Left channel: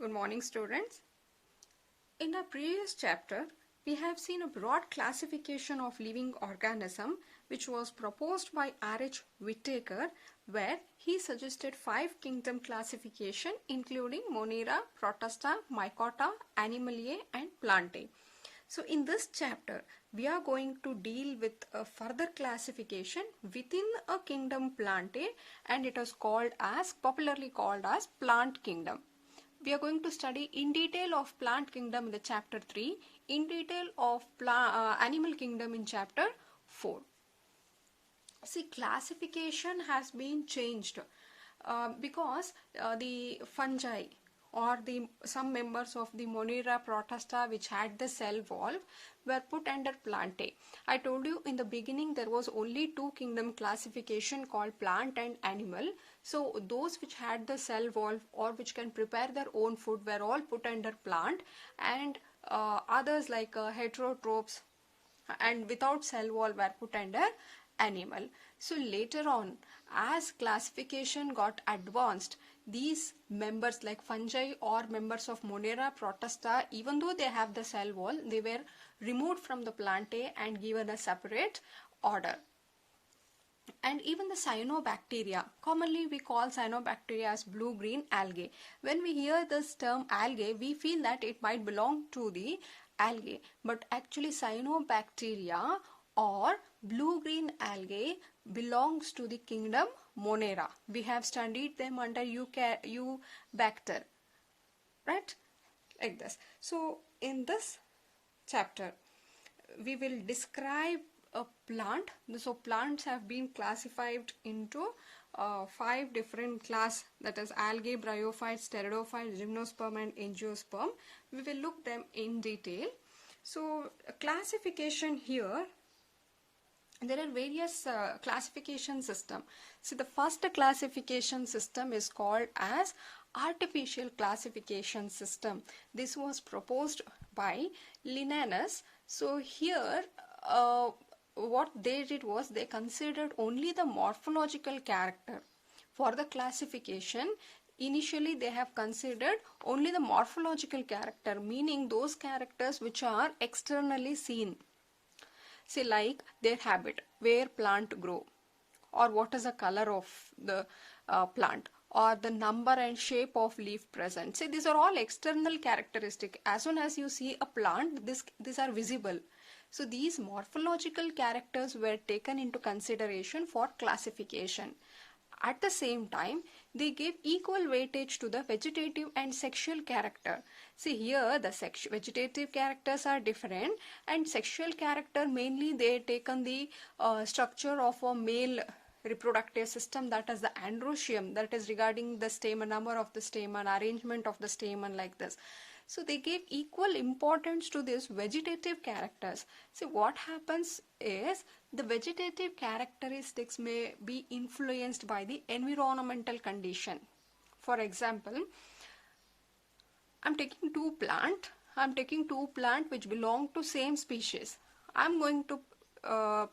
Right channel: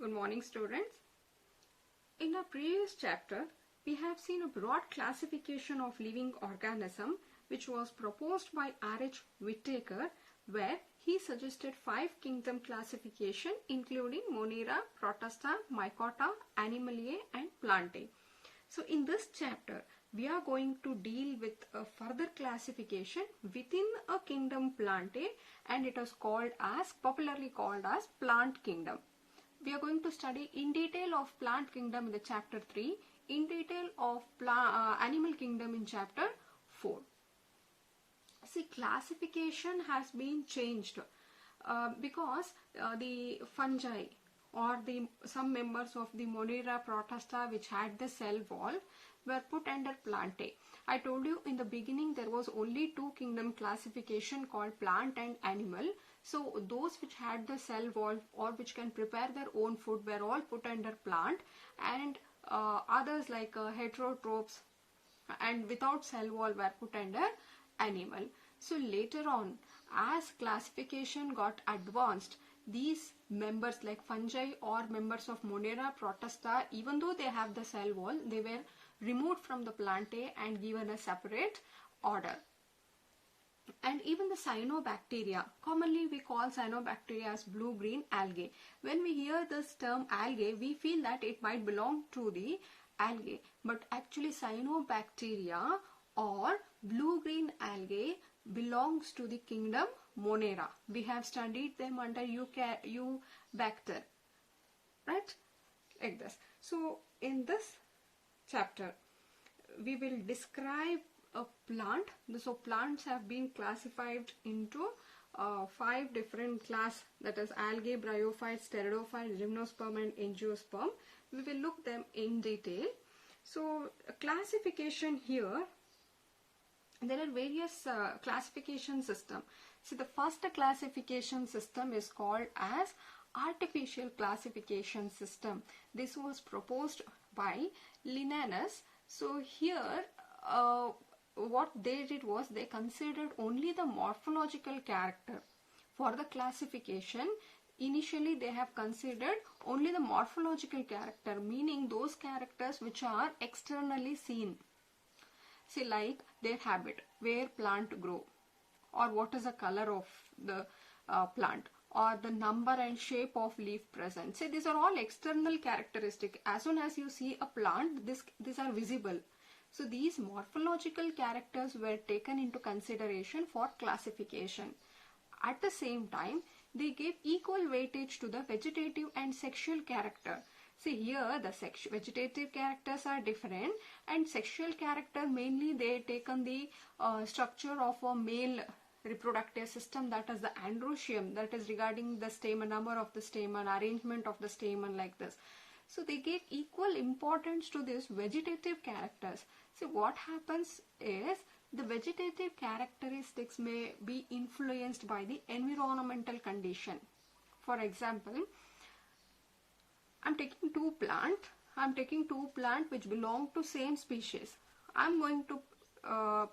Good morning, students. In a previous chapter, we have seen a broad classification of living organism which was proposed by R.H. Whittaker, where he suggested 5 kingdom classification including Monera, Protista, Mycota, Animalia and Plantae. So in this chapter, we are going to deal with a further classification within a kingdom Plantae, and it is popularly called as plant kingdom. We are going to study in detail of plant kingdom in the chapter 3, in detail of animal kingdom in chapter 4. See, classification has been changed because the fungi or some members of the Monera protista which had the cell wall were put under Plantae. I told you in the beginning there was only 2 kingdom classification called plant and animal. So those which had the cell wall or which can prepare their own food were all put under plant, and others like heterotrophs and without cell wall were put under animal. So later on, as classification got advanced, these members like fungi or members of Monera protista, even though they have the cell wall, they were removed from the Plantae and given a separate order. And even the cyanobacteria, commonly we call cyanobacteria as blue-green algae. When we hear this term algae, we feel that it might belong to the algae, but actually cyanobacteria or blue-green algae belongs to the kingdom Monera. We have studied them under Eubacter, right? Like this. So in this chapter, we will describe a plant. So plants have been classified into 5 different class, that is algae, bryophytes, pteridophytes, gymnosperm and angiosperm. We will look them in detail. So classification here, there are various classification system. So the first classification system is called as artificial classification system. This was proposed by Linnaeus. So here what they did was they considered only the morphological character. For the classification, initially they have considered only the morphological character, meaning those characters which are externally seen. Say like their habit, where plant grow, or what is the color of the plant, or the number and shape of leaf present. Say these are all external characteristic. As soon as you see a plant, these are visible. So these morphological characters were taken into consideration for classification. At the same time, they gave equal weightage to the vegetative and sexual character. See here the vegetative characters are different, and sexual character mainly they taken the structure of a male reproductive system, that is the androecium, that is regarding the stamen, number of the stamen, arrangement of the stamen, like this. So they gave equal importance to these vegetative characters. See what happens is the vegetative characteristics may be influenced by the environmental condition. For example, I'm taking two plant which belong to same species. I'm going to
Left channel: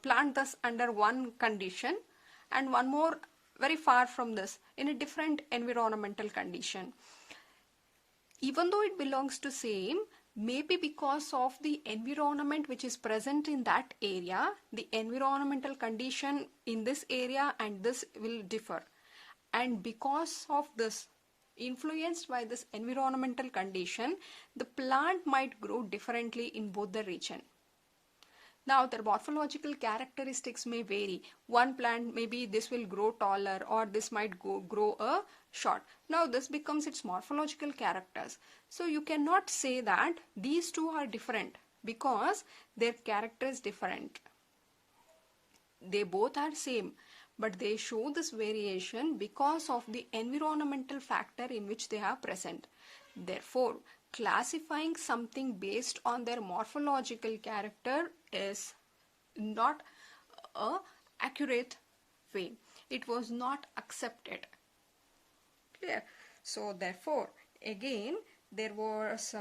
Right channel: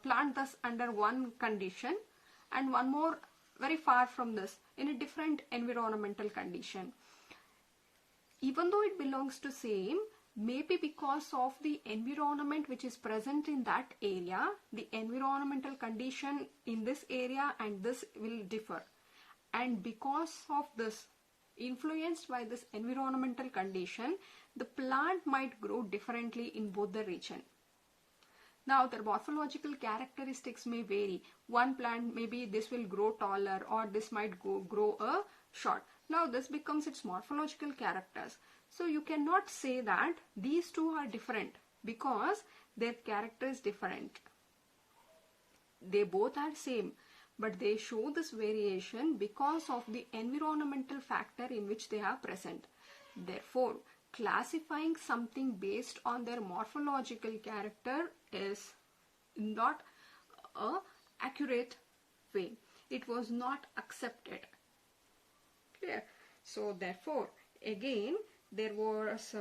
plant this under one condition and one more very far from this in a different environmental condition. Even though it belongs to same, maybe because of the environment which is present in that area, the environmental condition in this area and this will differ. And because of this, influenced by this environmental condition, the plant might grow differently in both the region. Now their morphological characteristics may vary. One plant, maybe this will grow taller, or this might grow short. Now this becomes its morphological characters. So you cannot say that these two are different because their character is different. They both are same, but they show this variation because of the environmental factor in which they are present. Therefore, classifying something based on their morphological character is not an accurate way. It was not accepted. Clear? So therefore, again, there was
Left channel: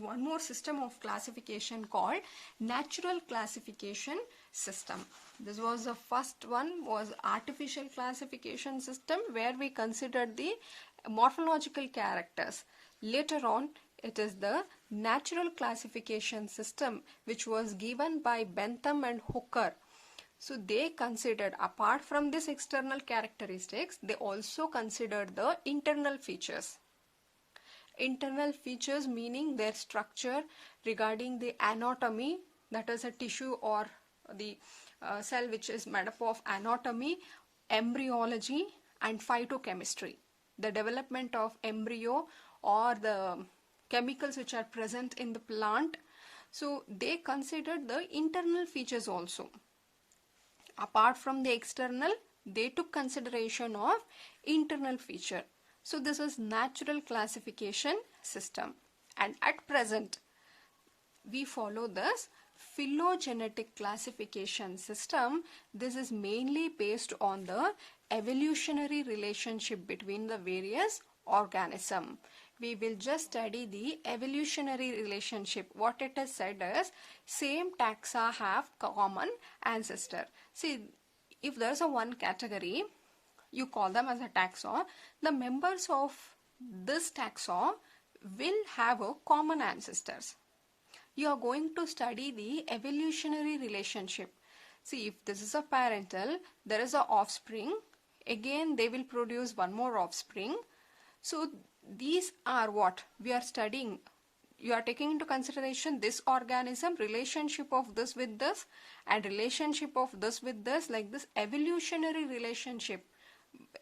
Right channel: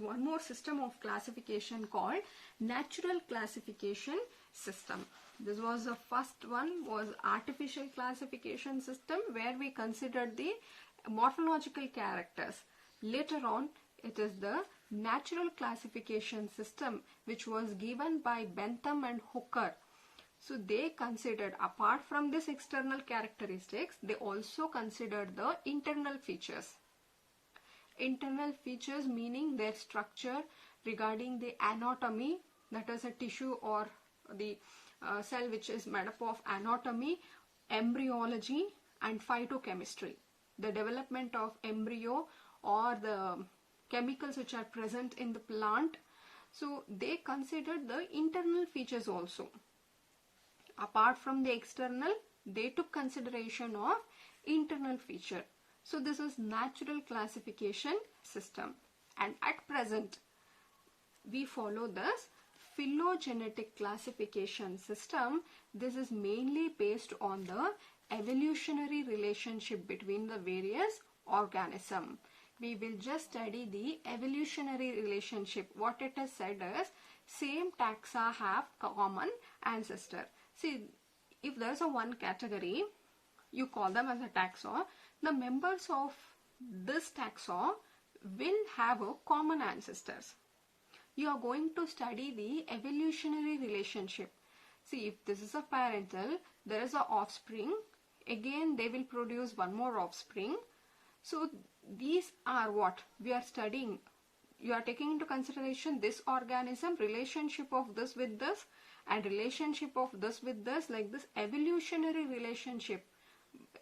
one more system of classification called natural classification system. This was the first one, was artificial classification system, where we considered the morphological characters. Later on, it is the natural classification system which was given by Bentham and Hooker. So they considered, apart from this external characteristics, they also considered the internal features. Internal features meaning their structure, regarding the anatomy, that is a tissue or the cell which is made up of anatomy, embryology and phytochemistry. The development of embryo or the chemicals which are present in the plant. So they considered the internal features also. Apart from the external, they took consideration of internal feature. So this is natural classification system, and at present we follow this phylogenetic classification system. This is mainly based on the evolutionary relationship between the various organisms. We will just study the evolutionary relationship. What it has said is, same taxa have common ancestor. See, if there is a one category, you call them as a taxa. The members of this taxa will have a common ancestors. You are going to study the evolutionary relationship. See, if this is a parental, there is a offspring. Again, they will produce one more offspring. So these are what we are studying. You are taking into consideration this organism, relationship of this with this, and relationship of this with this, like this evolutionary relationship,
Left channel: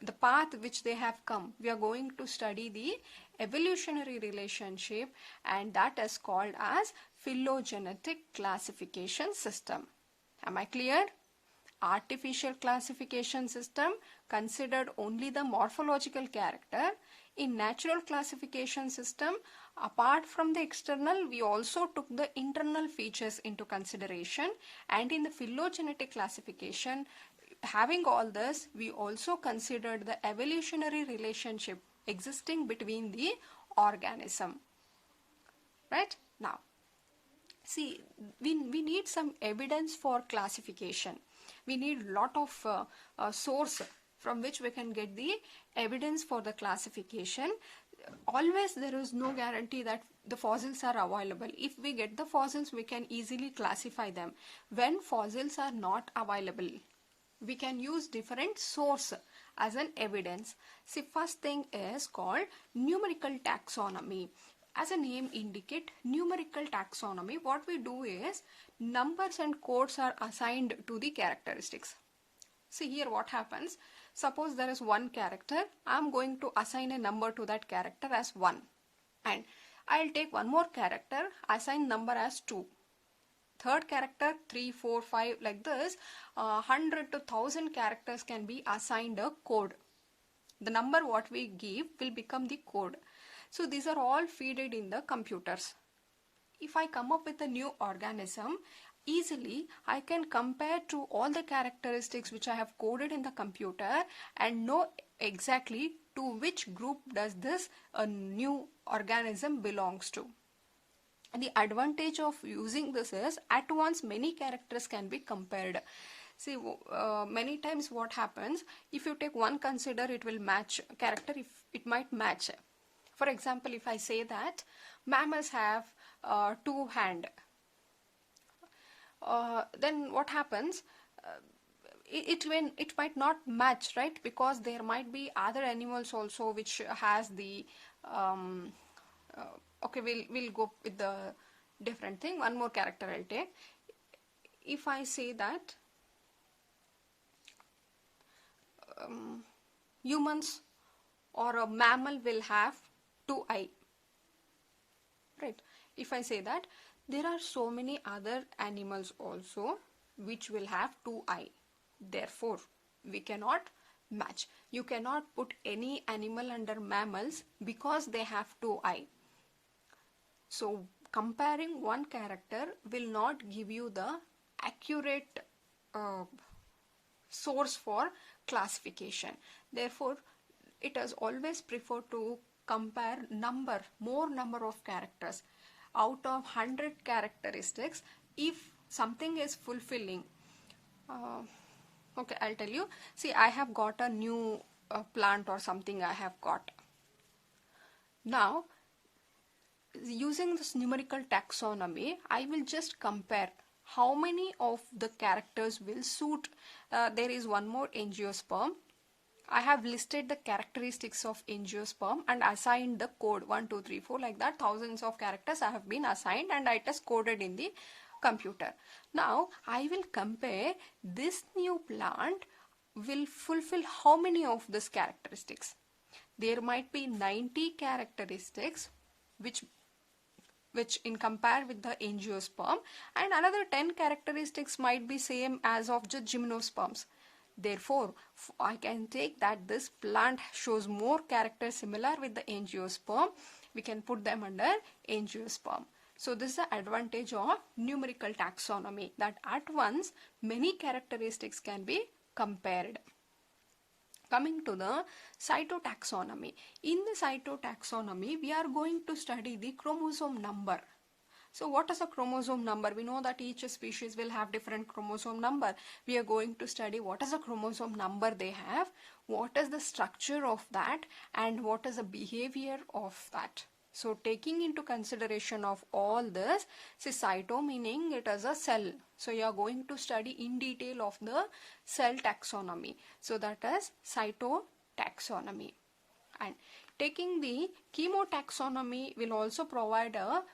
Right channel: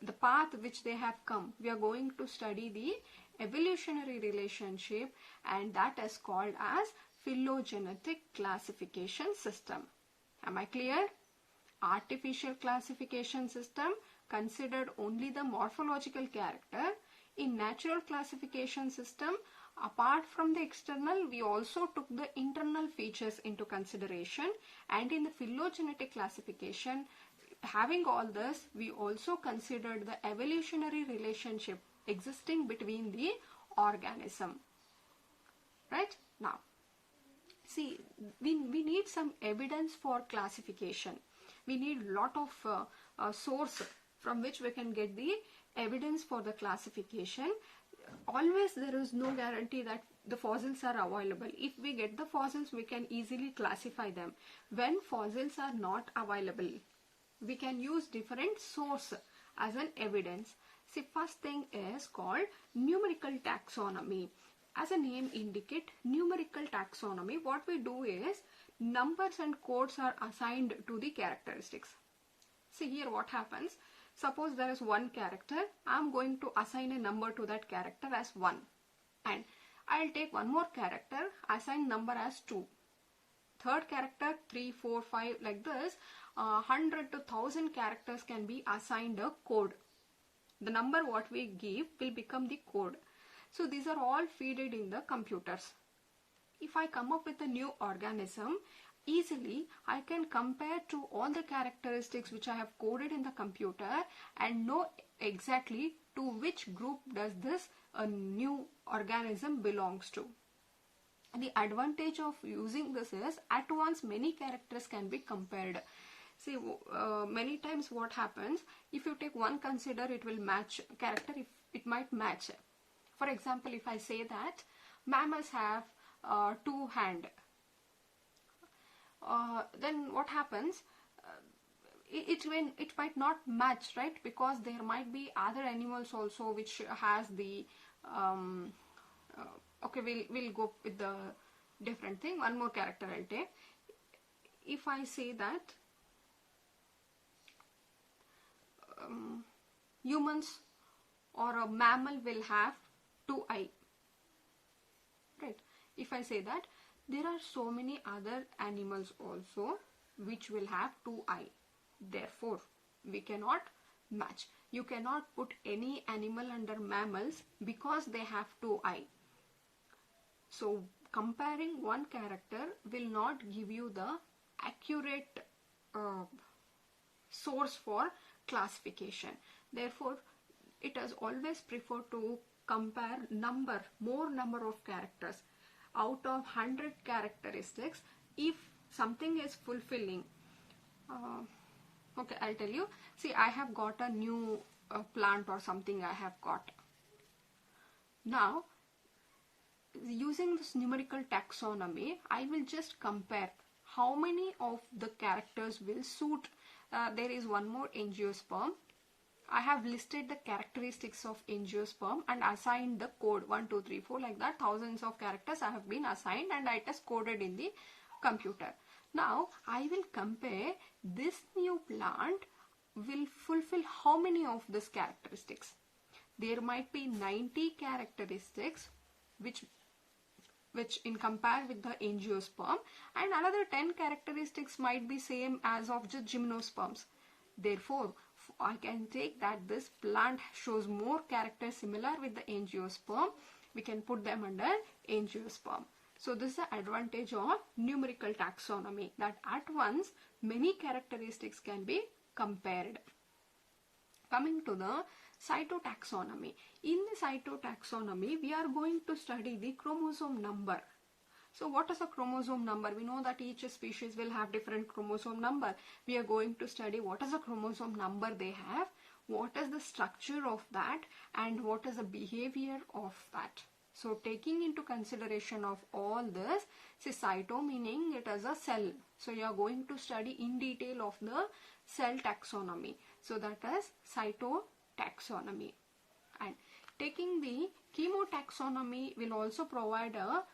the path which they have come. We are going to study the evolutionary relationship, and that is called as phylogenetic classification system. Am I clear? Artificial classification system considered only the morphological character. In natural classification system, apart from the external, we also took the internal features into consideration, and in the phylogenetic classification, having all this, we also considered the evolutionary relationship existing between the organism. Right? Now, see, we need some evidence for classification. We need lot of source from which we can get the evidence for the classification. Always there is no guarantee that the fossils are available. If we get the fossils, we can easily classify them. When fossils are not available, we can use different source as an evidence. See, first thing is called numerical taxonomy. As a name indicate, numerical taxonomy, what we do is numbers and codes are assigned to the characteristics. See here what happens. Suppose there is one character, I am going to assign a number to that character as 1. And I will take one more character, assign number as 2. Third character 3, 4, 5, like this. 100 to 1000 characters can be assigned a code. The number what we give will become the code. So these are all fed in the computers. If I come up with a new organism, easily I can compare to all the characteristics which I have coded in the computer and know exactly to which group does this new organism belongs to. And the advantage of using this is, at once many characters can be compared. See, many times what happens, if you take one consider, it will match character, if it might match. For example, if I say that mammals have 2 hands, then what happens? It might not match, right? Because there might be other animals also which has the okay, we'll go with the different thing. One more character I'll take. If I say that humans or a mammal will have 2 eyes, right? If I say that there are so many other animals also which will have 2 eyes, therefore we cannot match. You cannot put any animal under mammals because they have 2 eyes. So comparing one character will not give you the accurate source for classification. Therefore, it is always preferred to compare more number of characters. Out of 100 characteristics, if something is fulfilling, okay, I'll tell you. See, I have got a new plant or something I have got. Now, using this numerical taxonomy, I will just compare how many of the characters will suit. There is one more angiosperm. I have listed the characteristics of angiosperm and assigned the code 1, 2, 3, 4, like that. Thousands of characters I have been assigned and it is coded in the computer. Now I will compare this new plant will fulfill how many of these characteristics. There might be 90 characteristics which in compare with the angiosperm, and another 10 characteristics might be same as of the gymnosperms. Therefore, I can take that this plant shows more characters similar with the angiosperm. We can put them under angiosperm. So this is the advantage of numerical taxonomy, that at once many characteristics can be compared. Coming to the cytotaxonomy. In the cytotaxonomy, we are going to study the chromosome number. So what is a chromosome number? We know that each species will have different chromosome number. We are going to study what is the chromosome number they have, what is the structure of that, and what is the behavior of that. So taking into consideration of all this, say cyto meaning it is a cell. So you are going to study in detail of the cell taxonomy. So that is cytotaxonomy. And taking the chemotaxonomy will also provide a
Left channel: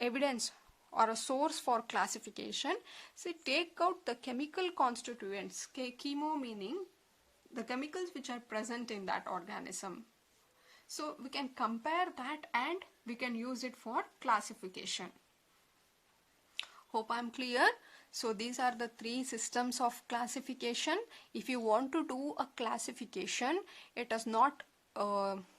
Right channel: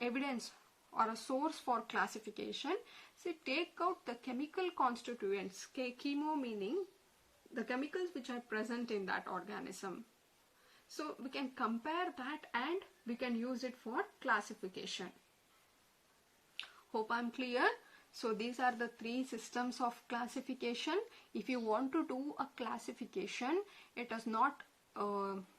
evidence or a source for classification. So take out the chemical constituents. Chemo meaning the chemicals which are present in that organism. So we can compare that and we can use it for classification. Hope I am clear. So these are the three systems of classification. If you want to do a classification, it is not,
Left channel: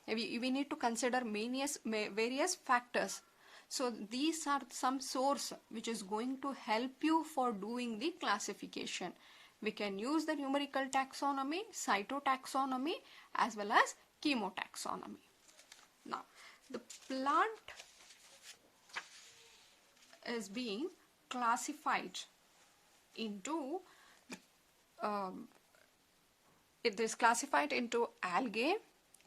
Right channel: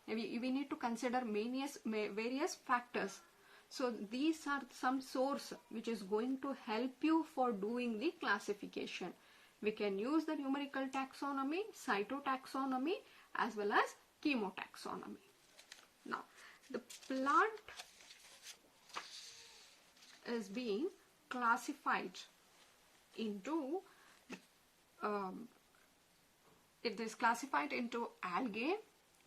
we need to consider various factors. So these are some source which is going to help you for doing the classification. We can use the numerical taxonomy, cytotaxonomy, as well as chemotaxonomy. Now, the plant is being classified into, it is classified into algae,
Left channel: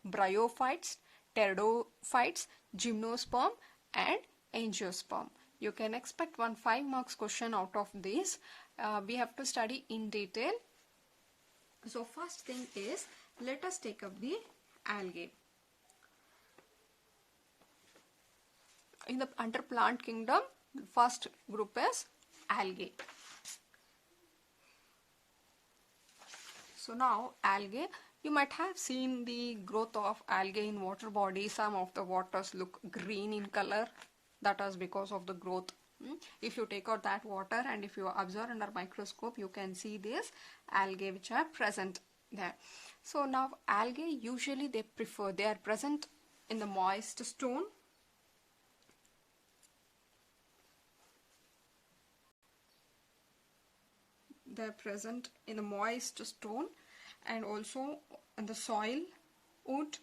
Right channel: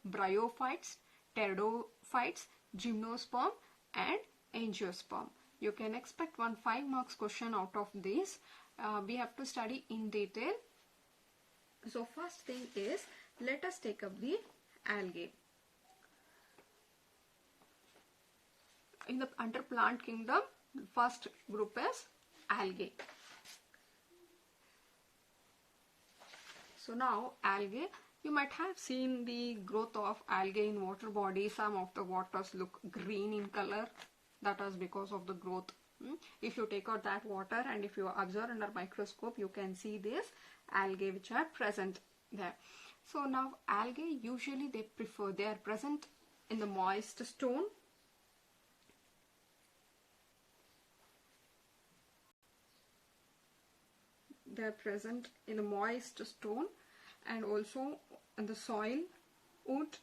bryophytes, pteridophytes, gymnosperm, and angiosperm. You can expect 1 5 marks question out of this. We have to study in detail. So first thing is, let us take up the algae. In the under plant kingdom, the first group is algae. So now algae, you might have seen the growth of algae in water bodies. Some of the waters look green in color. That is because of the growth. If you take out that water and if you observe under microscope, you can see this algae which are present there. So now algae usually they are present in the moist stone. They are present in the moist stone and also in the soil, wood.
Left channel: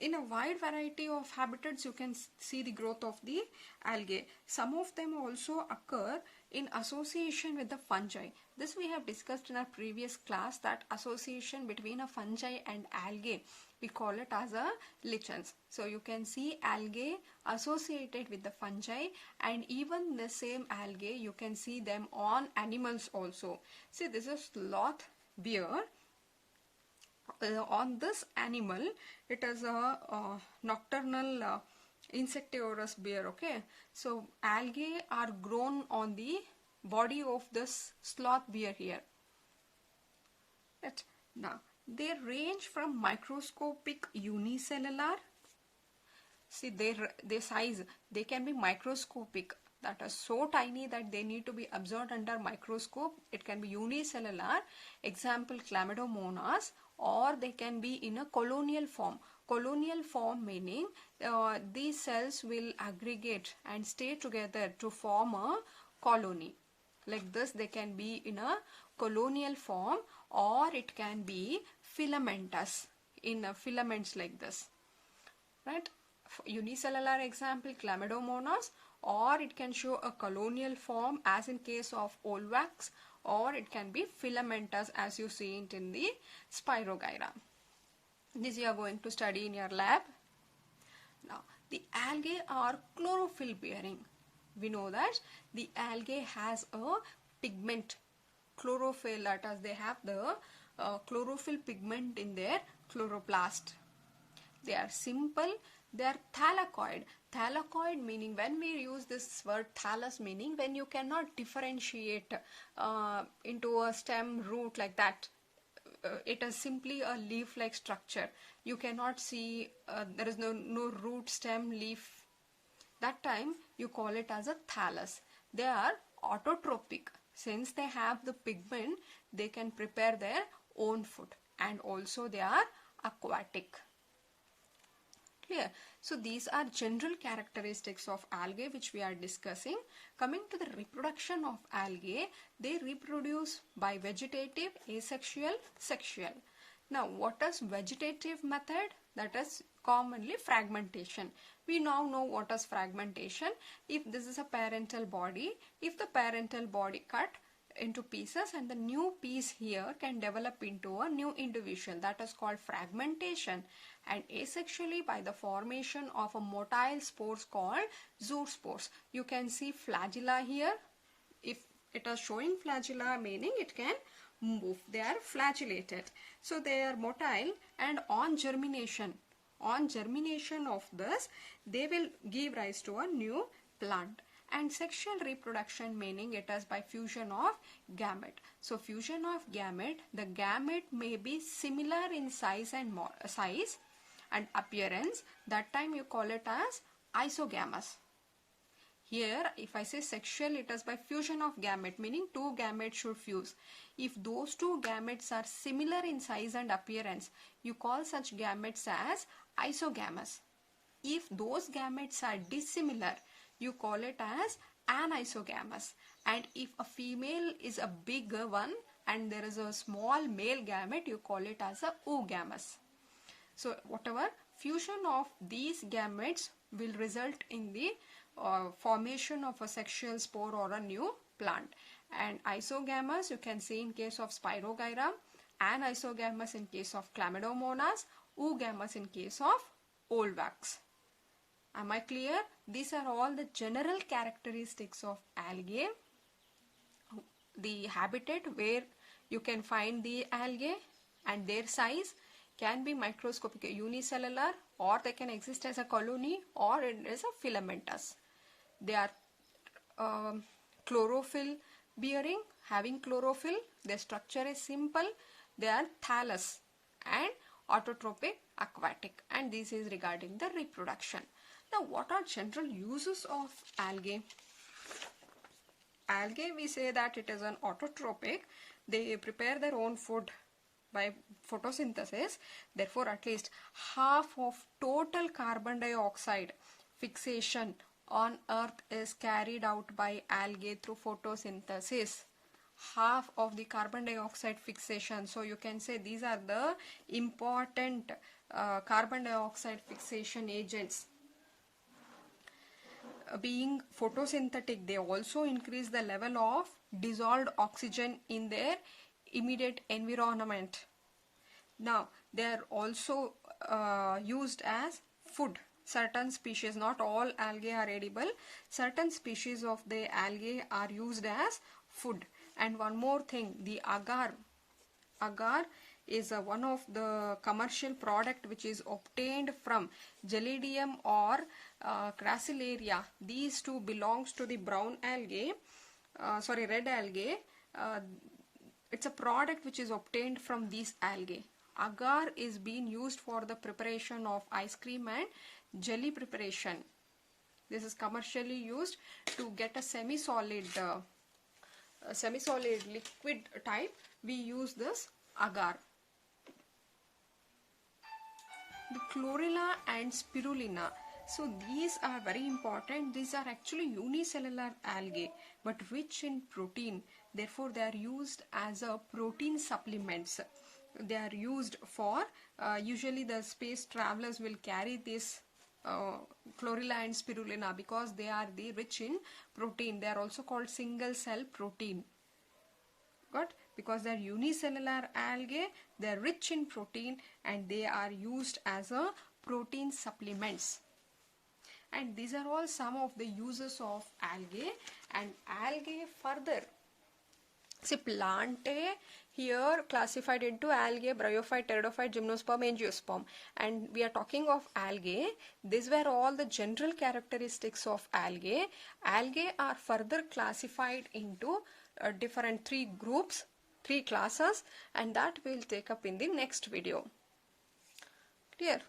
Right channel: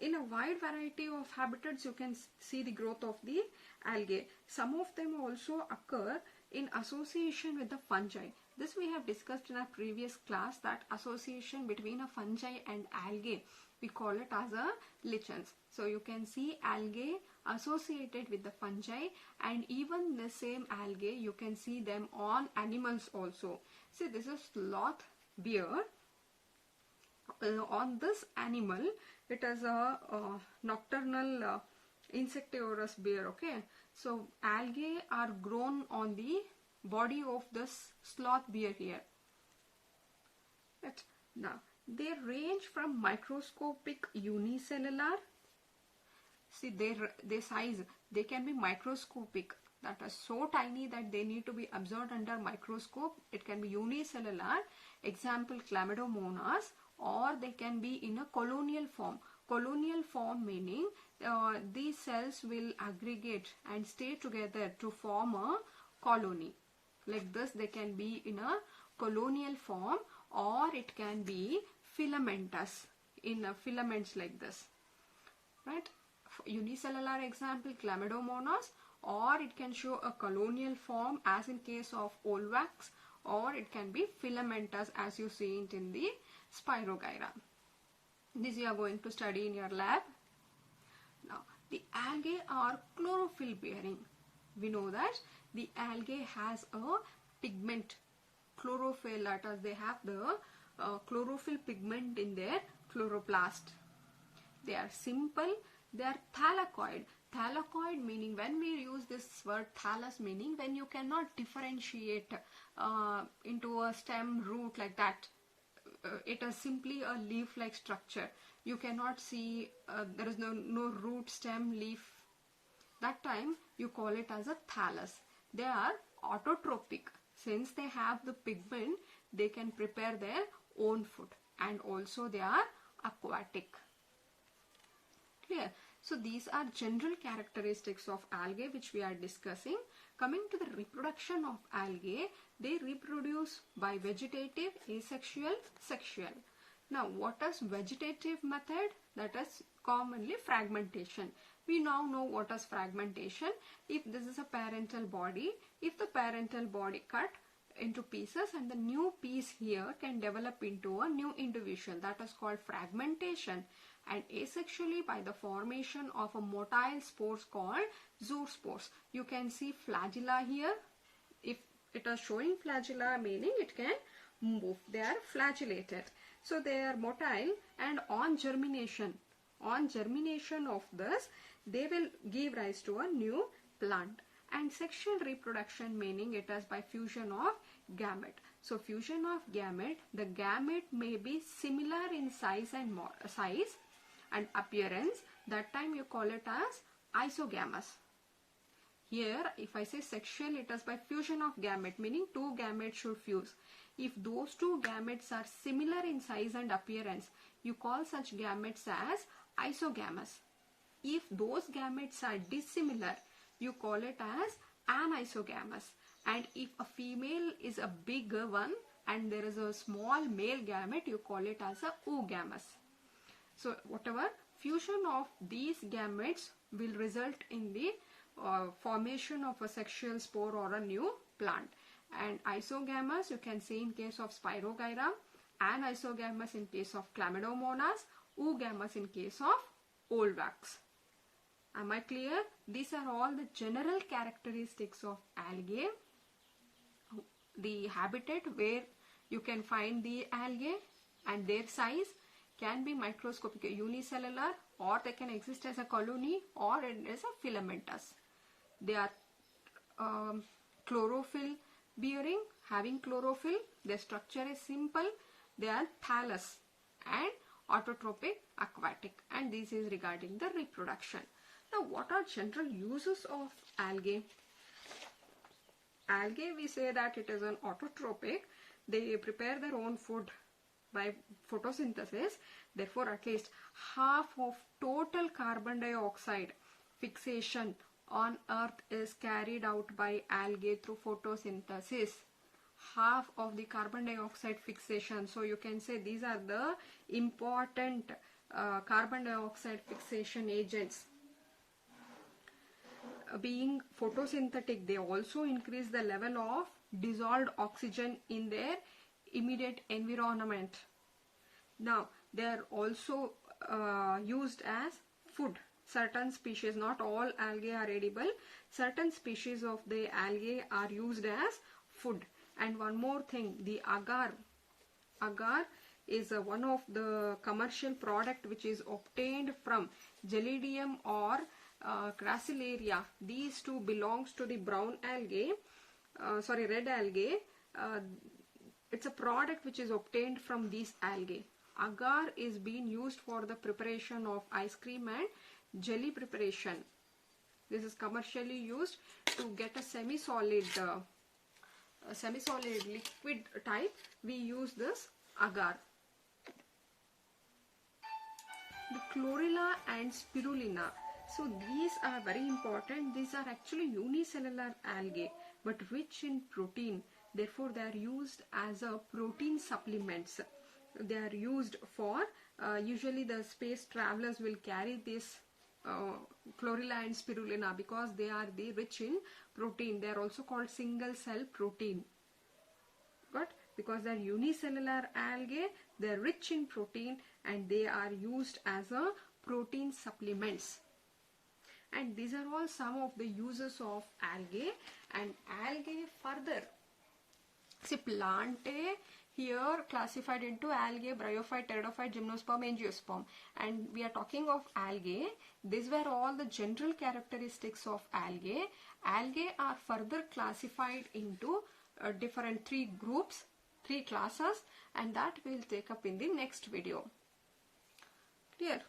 In a wide variety of habitats, you can see the growth of the algae. Some of them also occur in association with the fungi. This we have discussed in our previous class, that association between a fungi and algae, we call it as a lichens. So you can see algae associated with the fungi, and even the same algae you can see them on animals also. See, this is sloth bear. On this animal, it is a nocturnal insectivorous bear. Okay, so algae are grown on the body of this sloth bear here. Right. Now they range from microscopic unicellular. See their size, they can be microscopic, that are so tiny that they need to be observed under microscope. It can be unicellular, example Chlamydomonas, or they can be in a colonial form. Colonial form meaning these cells will aggregate and stay together to form a colony. Like this, they can be in a colonial form, or it can be filamentous, in filaments like this. Right? Unicellular example Chlamydomonas, or it can show a colonial form as in case of Olvax, or it can be filamentous as you see it in the Spirogyra. This you are going to study in your lab. Now The algae are chlorophyll bearing. We know that the algae has a pigment, chlorophyll, that is they have the chlorophyll pigment in their chloroplast. They are simple, they are thylakoid. Thylakoid meaning, when we use this word thallus, meaning when you cannot differentiate into a stem, root, like that. It is simply a leaf-like structure. You cannot see, there is no root, stem, leaf. That time you call it as a thallus. They are autotrophic. Since they have the pigment, they can prepare their own food, and also they are aquatic. Clear? So these are general characteristics of algae which we are discussing. Coming to the reproduction of algae, they reproduce by vegetative, asexual, sexual. Now what is vegetative method? That is commonly fragmentation. We now know what is fragmentation. If this is a parental body, if the parental body cut into pieces and the new piece here can develop into a new individual, that is called fragmentation. And asexually, by the formation of a motile spores called zoospores. You can see flagella here. If it is showing flagella, meaning it can move. They are flagellated. So they are motile, and on germination of this, they will give rise to a new plant. And sexual reproduction, meaning it is by fusion of gamete. So fusion of gamete, the gamete may be similar in size and appearance. That time you call it as isogamous. Here if I say sexual, it is by fusion of gamete, meaning two gametes should fuse. If those two gametes are similar in size and appearance, you call such gametes as isogamous. If those gametes are dissimilar, you call it as anisogamous. And if a female is a bigger one and there is a small male gamete, you call it as a oogamous. So whatever fusion of these gametes will result in the formation of a sexual spore or a new plant. And isogamous you can see in case of Spirogyra, anisogamous in case of Chlamydomonas, oogamous in case of Olvax. Am I clear? These are all the general characteristics of algae. The habitat where you can find the algae and their size can be microscopic, unicellular, or they can exist as a colony, or it is a filamentous. They are chlorophyll bearing, having chlorophyll. Their structure is simple. They are thallus and autotrophic, aquatic, and this is regarding the reproduction. Now what are general uses of algae? Algae, we say that it is an autotrophic. They prepare their own food by photosynthesis. Therefore at least half of total carbon dioxide fixation on earth is carried out by algae through photosynthesis. Half of the carbon dioxide fixation. So you can say these are the important carbon dioxide fixation agents. Being photosynthetic, they also increase the level of dissolved oxygen in their immediate environment. Now they are also used as food. Certain species, not all algae are edible, certain species of the algae are used as food. And one more thing, the agar is one of the commercial product which is obtained from Gelidium or Crassilaria. These two belongs to the brown algae, red algae. It's a product which is obtained from these algae. Agar is being used for the preparation of ice cream and jelly preparation. This is commercially used to get a semi-solid liquid type. We use this agar. The chlorella and spirulina. So these are very important. These are actually unicellular algae but rich in protein. Therefore they are used as a protein supplements. They are used for usually the space travelers will carry this chlorella and spirulina because they are rich in protein. They are also called single cell protein. But because they are unicellular algae, they are rich in protein and they are used as a protein supplements. And these are all some of the uses of algae. And algae further, see, Plantae here classified into algae, bryophyte, pteridophyte, gymnosperm, angiosperm. And we are talking of algae. These were all the general characteristics of algae. Algae are further classified into different 3 groups, 3 classes, and that we'll take up in the next video. Clear?